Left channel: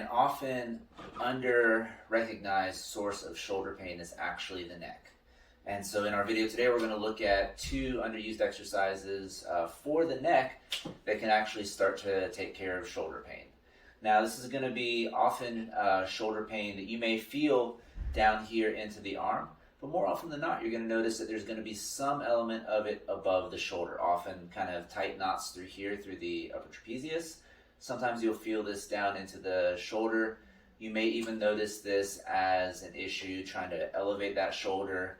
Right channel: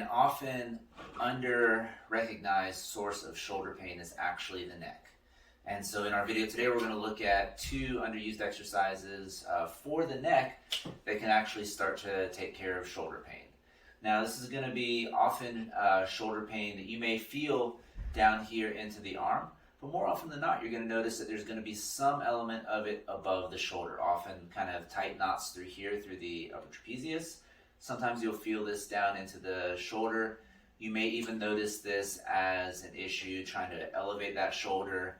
An often under-recognized source of shoulder pain is actually the neck. And so in our video today, we're going to look at two underused exercises for the neck that can actually start to take care of shoulder pain. Now, this is going to be often shoulder pain that you may feel down here into the arm, but more often than not, you're going to notice that there's going to be some element of it above the shoulder, often kind of tight knots through here, through the upper trapezius. Sometimes you'll feel this down into the shoulder. You may even notice this as an issue trying to elevate that shoulder,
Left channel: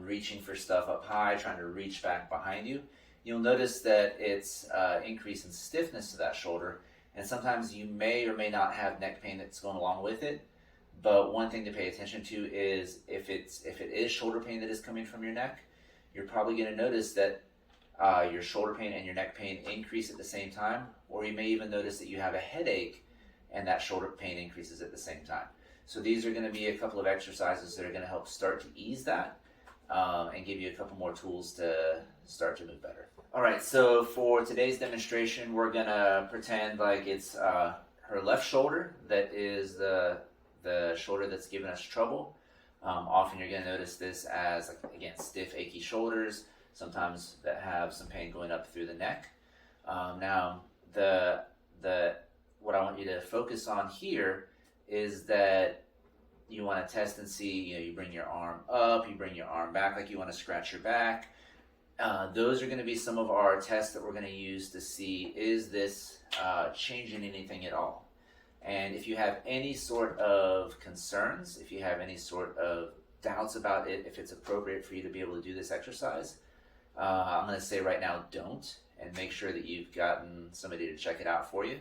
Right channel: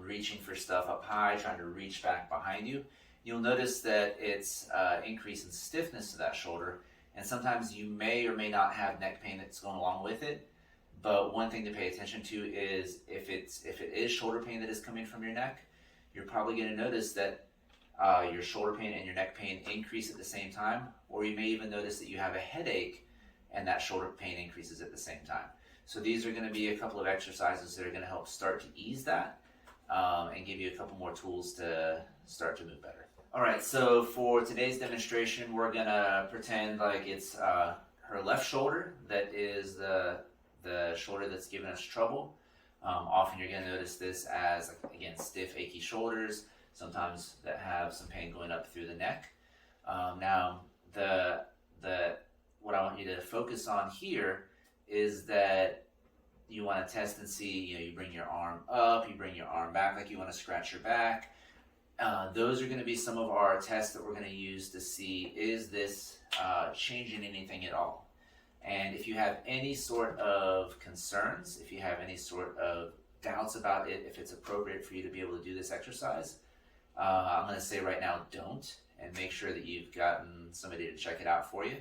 reaching for stuff up high, trying to reach back behind you. You'll notice that it's increase in stiffness to that shoulder, and sometimes you may or may not have neck pain that's going along with it. But one thing to pay attention to is if it is shoulder pain that is coming from your neck, you're probably going to notice that your shoulder pain and your neck pain increase at the same time, or you may even notice that you have a headache and that shoulder pain increases at the same time. So these are going to be a couple of exercises that are going to help start to ease that and give you a couple more tools to start to move better. All right, so for today's demonstration, we're going to pretend like it's her left shoulder that is the shoulder that's giving us trouble. Often you're going to notice this as, like, again, stiff, achy shoulders, sometimes that have some pain going up through the neck. Now, what I want you to focus on here is that you want to test and see, you bring your arm up, you bring your arm back like you want to scratch your back. Those are going to be some of our tests that we're going to use to see, is this changing anything at all? And if you have any sort of concerns, if you have any sort of doubts about it, if it's appropriate for you to be able to do this exercise, I'm going to say right now, don't, and make sure that you've gotten somebody to check it out for you.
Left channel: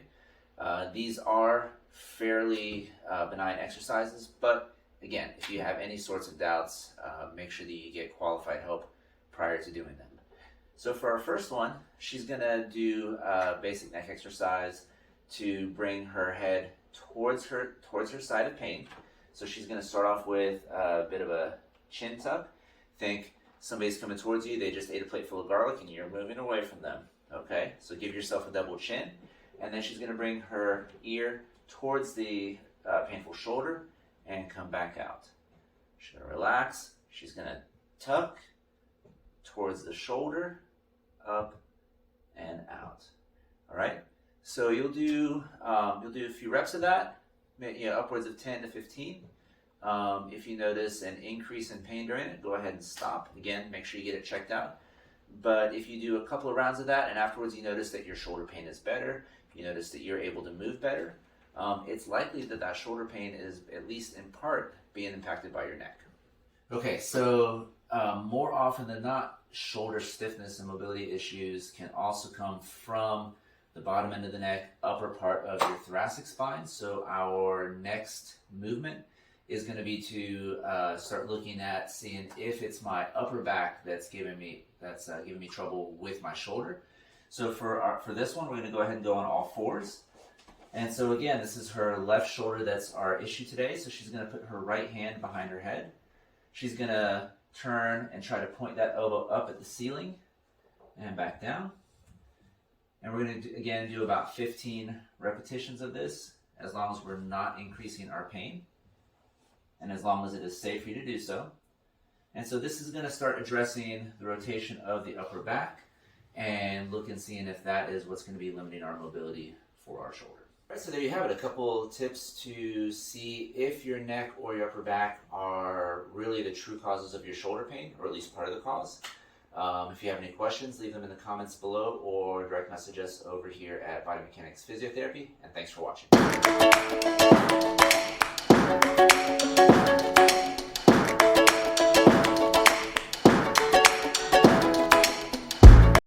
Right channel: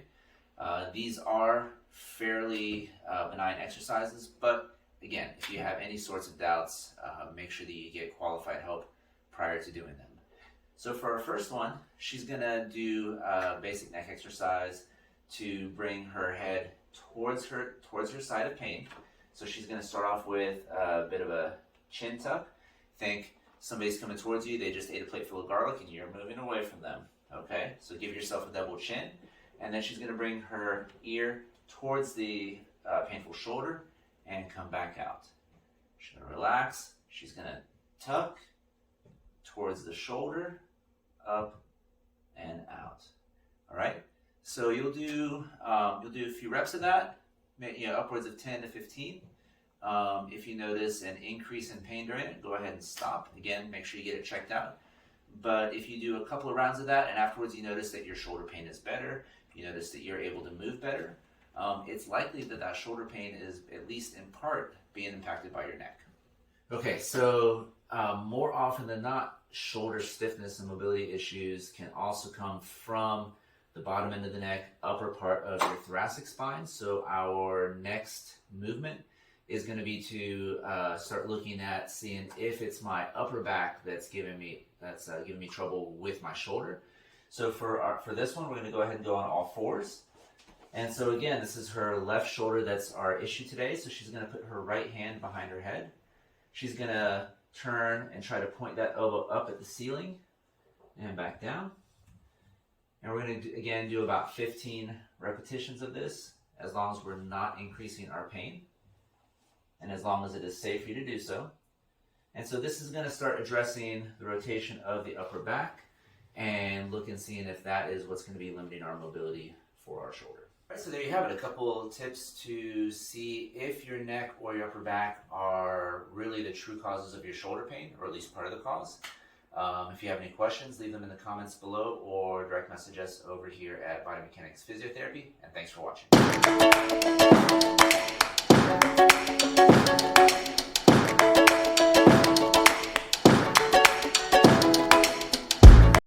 These are fairly benign exercises, but again, if you have any sorts of doubts, make sure that you get qualified help prior to doing them. So for our first one, she's going to do a basic neck exercise to bring her head towards her side of pain. So she's going to start off with a bit of a chin tuck. Think somebody's coming towards you, they just ate a plate full of garlic and you're moving away from them. Okay, so give yourself a double chin, and then she's going to bring her ear towards the painful shoulder and come back out. She's going to relax. She's going to tuck towards the shoulder, up and out. All right. So you'll do a few reps of that, upwards of 10 to 15. If you notice an increase in pain during it, go ahead and stop. Again, make sure you get it checked out. But if you do a couple of rounds of that and afterwards you notice that your shoulder pain is better, you notice that you're able to move better, it's likely that that shoulder pain is at least in part being impacted by your neck. Okay, so more often than not, shoulder stiffness and mobility issues can also come from the bottom end of the neck, upper part of your thoracic spine. So our next movement is going to be to start looking at seeing if it's my upper back that's giving me trouble with my shoulder. So for this one, we're going to go ahead and go on all fours. And so again, this is her left shoulder that's our issue today. So she's going to put her right hand behind her head. She's going to turn and try to point that elbow up at the ceiling and back down. And we're going to, again, do about 15 repetitions of this, as long as we're not increasing our pain, and as long as it is safe for you to do so. And so this is going to start addressing the rotation of the upper back and look and seeing if that is what's going to be limiting our mobility for our shoulder. All right, so there you have it, a couple tips to see if your neck or your upper back are really the true causes of your shoulder pain, or at least part of the cause. If you have any questions, leave them in the comments below or direct message us over here at Body Mechanics Physiotherapy, and thanks for watching.